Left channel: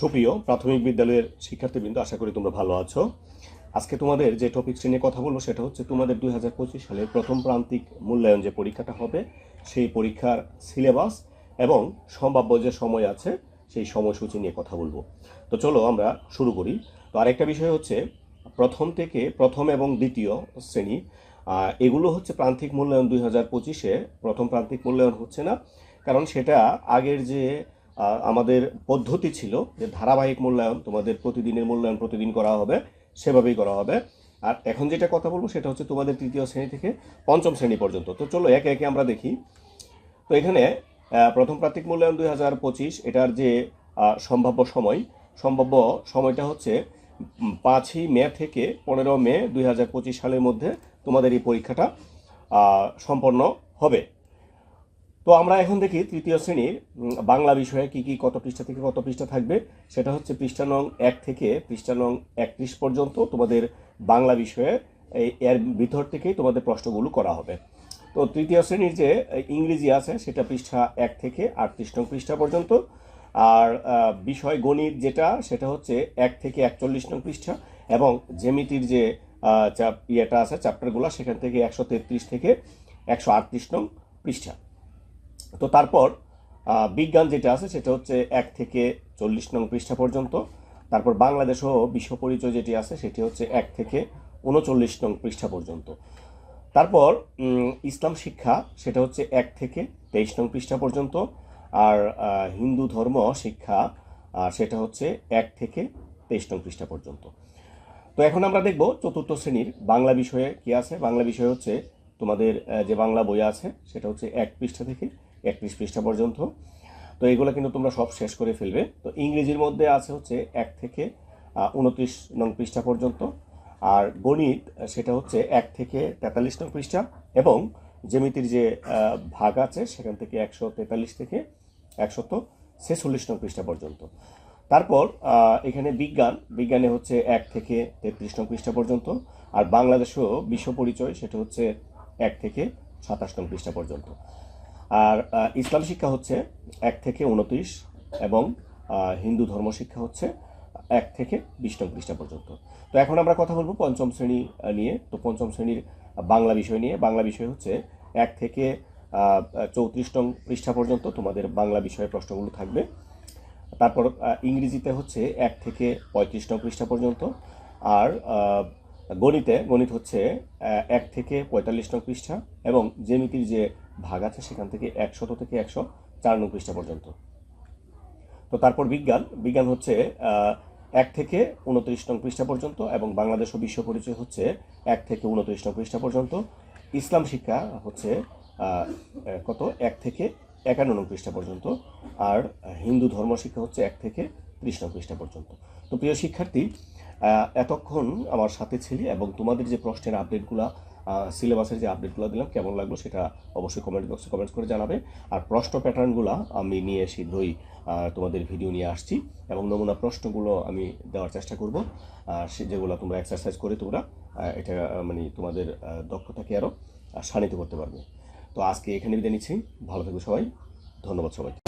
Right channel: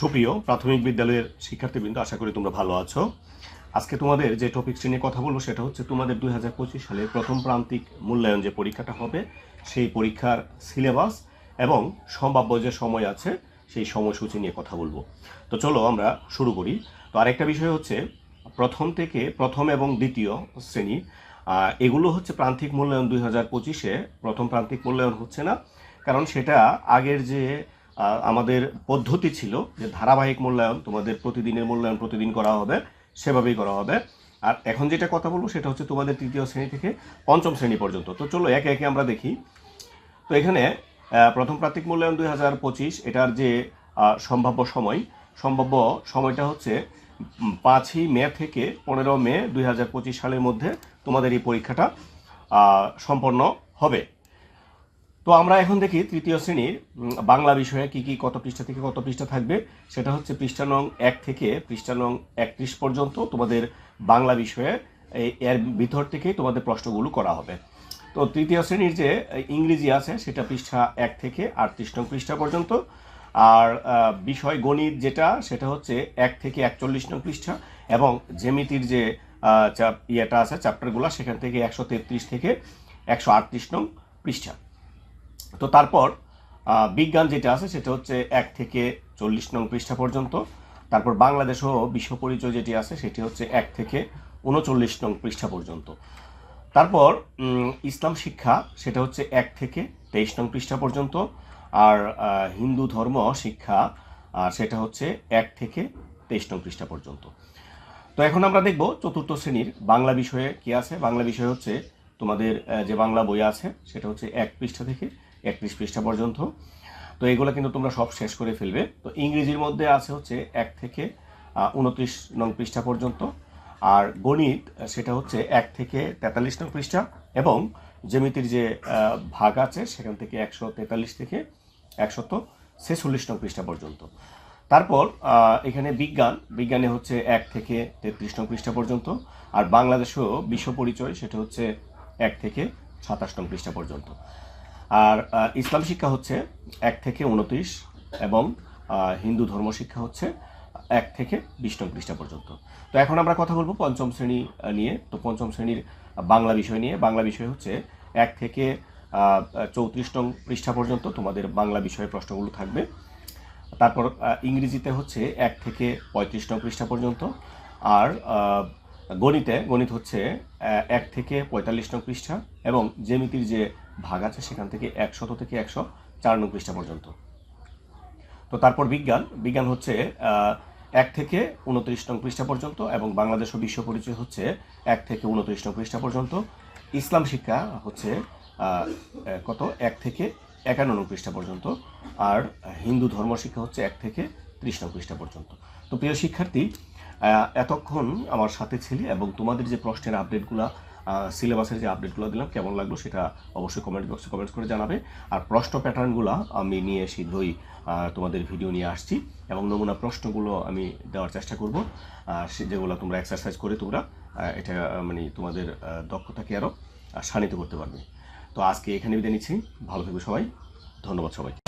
সুপ্রিয় প্রাথমিক বিদ্যালয়ের শিক্ষার্থীবৃন্দ, আশা করি তোমরা ভালো আছো। আজকে তোমাদের যে টপিকটি নিয়ে কথা বলব সেটা হচ্ছে তোমাদের দুই হাজার পঁচিশ সালের প্রথম প্রান্তিক মূল্যায়ন যে পরীক্ষাটা হবে, সেই পরীক্ষার সিলেবাস এবং সম্ভাব্য যে সময় আছে, সেই সময়সূচি নিয়ে কথা বলব। তো চলো আমরা শুরু করি। তো আরেকটা বিষয় হচ্ছে, প্রথম থেকে প্রথম এবং দ্বিতীয় শ্রেণি এগুলো হচ্ছে প্রান্তিক মূল্যায়ন দুই হাজার পঁচিশে। প্রথম প্রান্তিক মূল্যায়ন হচ্ছে না, কারণ সেটা আগের যে আমাদের পদ্ধতি ছিল যে ধারাবাহিক মূল্যায়ন, তোমাদের প্রতিদিনের মূল্যায়ন প্রতিদিন করা হবে, সেভাবেই করা হবে। আর এখন যেটা কথা বলব সেটা হচ্ছে তোমাদের তৃতীয় শ্রেণি থেকে পঞ্চম শ্রেণি পর্যন্ত। তো চলো একে একে আমরা দেখি। তো এখানে প্রথম প্রান্তিক মূল্যায়ন দুই হাজার পঁচিশ, এটার যে সম্ভাব্য সময়, সম্ভাব্য সময়টা হচ্ছে পাঁচই মে থেকে পনেরো মে দুই হাজার পঁচিশ সালের মধ্যে তোমাদের এই পরীক্ষাটা সম্পন্ন হবে। তো আমরা এখন দেখি তৃতীয় শ্রেণির বাংলা বিষয়ে কি কি, কত পৃষ্ঠা থেকে কত পৃষ্ঠা থাকবে। সেটা হচ্ছে পৃষ্ঠা নং এক থেকে পৃষ্ঠা নং একত্রিশ পর্যন্ত তোমাদের বাংলা বিষয়ে এর ভিতর থেকেই তোমাদের প্রশ্নগুলো করা হবে। তো তৃতীয় শ্রেণির যে ইংরেজি আছে, সেটা পৃষ্ঠা এক থেকে আটত্রিশ নং পৃষ্ঠা পর্যন্ত। আর বিষয় গণিত যেটা, সেটা হচ্ছে এক থেকে একচল্লিশ নং পৃষ্ঠা এবং জ্যামিতির যে ইয়েটা আছে চ্যাপ্টারগুলো সেখান থেকে একশো তেত্রিশ থেকে একশো আটত্রিশ নং পৃষ্ঠা। তো তারপর বিজ্ঞান যেটা আছে সেটা হচ্ছে এক থেকে চল্লিশ নং পৃষ্ঠা পর্যন্ত। তারপর বাংলাদেশ ও বিশ্ব পরিচয় যেটি আছে সেটি হচ্ছে এক থেকে উনচল্লিশ নং পৃষ্ঠা পর্যন্ত। তারপর ইসলাম শিক্ষা, সেটা হচ্ছে এক থেকে তেইশ নং পৃষ্ঠা পর্যন্ত। আর হিন্দু ধর্ম শিক্ষা সেটা হচ্ছে এক থেকে তেইশ নং পৃষ্ঠা পর্যন্ত। তো এখন আমরা দেখব চতুর্থ শ্রেণির বাংলা বিষয়ে কি আছে। বাংলা বিষয় হচ্ছে তোমাদের যে বাংলা বই আছে, সেটা হচ্ছে এক পৃষ্ঠা থেকে একত্রিশ পৃষ্ঠা পর্যন্ত। তো এগুলো কিন্তু তোমরা সব শেষ করে ফেলবে। তো ইংরেজির মধ্যে আছে হচ্ছে এক থেকে উনত্রিশ নং পৃষ্ঠা পর্যন্ত। আর গণিত সেটা হচ্ছে এক থেকে তেতাল্লিশ নং পৃষ্ঠা। এবং জ্যামিতির যে ভাগ আছে, সেখান থেকে একশো তেতাল্লিশ থেকে একশত ছেচল্লিশ নং পৃষ্ঠা পর্যন্ত। তারপর এখানে বিজ্ঞান। বিজ্ঞানে হচ্ছে এক থেকে তেত্রিশ নং পৃষ্ঠা পর্যন্ত। আর বাংলাদেশেও বিশ্ব পরিচয় সেটা হচ্ছে এক থেকে সাতাশ নং পৃষ্ঠা পর্যন্ত। আর ইসলাম শিক্ষা হচ্ছে এক থেকে উনত্রিশ এবং হিন্দু ধর্ম শিক্ষা হচ্ছে এক থেকে বিশ নং পৃষ্ঠা পর্যন্ত। তো এখন আমরা কথা বলব পঞ্চম শ্রেণি নিয়ে। তো পঞ্চম শ্রেণির বাংলা বিষয় নিয়ে। বাংলা বিষয় হচ্ছে এক থেকে চৌত্রিশ নং পৃষ্ঠা পর্যন্ত তোমাদের বাংলা বিষয়ে প্রশ্নগুলো থাকবে। তারপর ইংরেজিতে হচ্ছে এক থেকে পঁয়ত্রিশ নং পৃষ্ঠা পর্যন্ত। আর গণিতে, গণিত হচ্ছে এক থেকে পঁয়তাল্লিশ নং পৃষ্ঠা এবং জ্যামিতির যে ভাগ আছে সেখান থেকে একশত থেকে একশো চার নং পৃষ্ঠা পর্যন্ত। তো তারপর বিজ্ঞান বিজ্ঞান হচ্ছে এক থেকে উনত্রিশ নং পৃষ্ঠা পর্যন্ত এবং বাংলাদেশ ও বিশ্ব পরিচয় হচ্ছে এক থেকে উনত্রিশ নং পৃষ্ঠা পর্যন্ত। ইসলাম শিক্ষা হচ্ছে কত? এক থেকে একান্ন নং পৃষ্ঠা পর্যন্ত। আর হিন্দু ধর্ম শিক্ষা হচ্ছে এক থেকে ত্রিশ নং পৃষ্ঠা পর্যন্ত। তো প্রিয় শিক্ষার্থী এতক্ষণ আমার সাথে ছিলে এবং তোমাদের যে প্রশ্নের আপডেটগুলো সিলেবাসের যে আপডেটগুলো দিলাম, কেমন লাগল সেটা অবশ্যই কমেন্ট বক্সে কমেন্টস করে জানাবে। আর প্রশ্ন প্যাটার্নগুলো আমি নিয়ে শীঘ্রই তোমাদের ভিডিও নিয়ে আসছি এবং নমুনা প্রশ্নগুলো আমি দেওয়ার চেষ্টা করব। যেগুলো তোমরা এক্সারসাইজ করে তোমরা এটা মানে তোমাদের দক্ষতাকে আরও শানিত করতে পারবে। তো আজকে এখানে বিদায় নিচ্ছি। ভালো থাকবে সবাই। ধন্যবাদ সবাই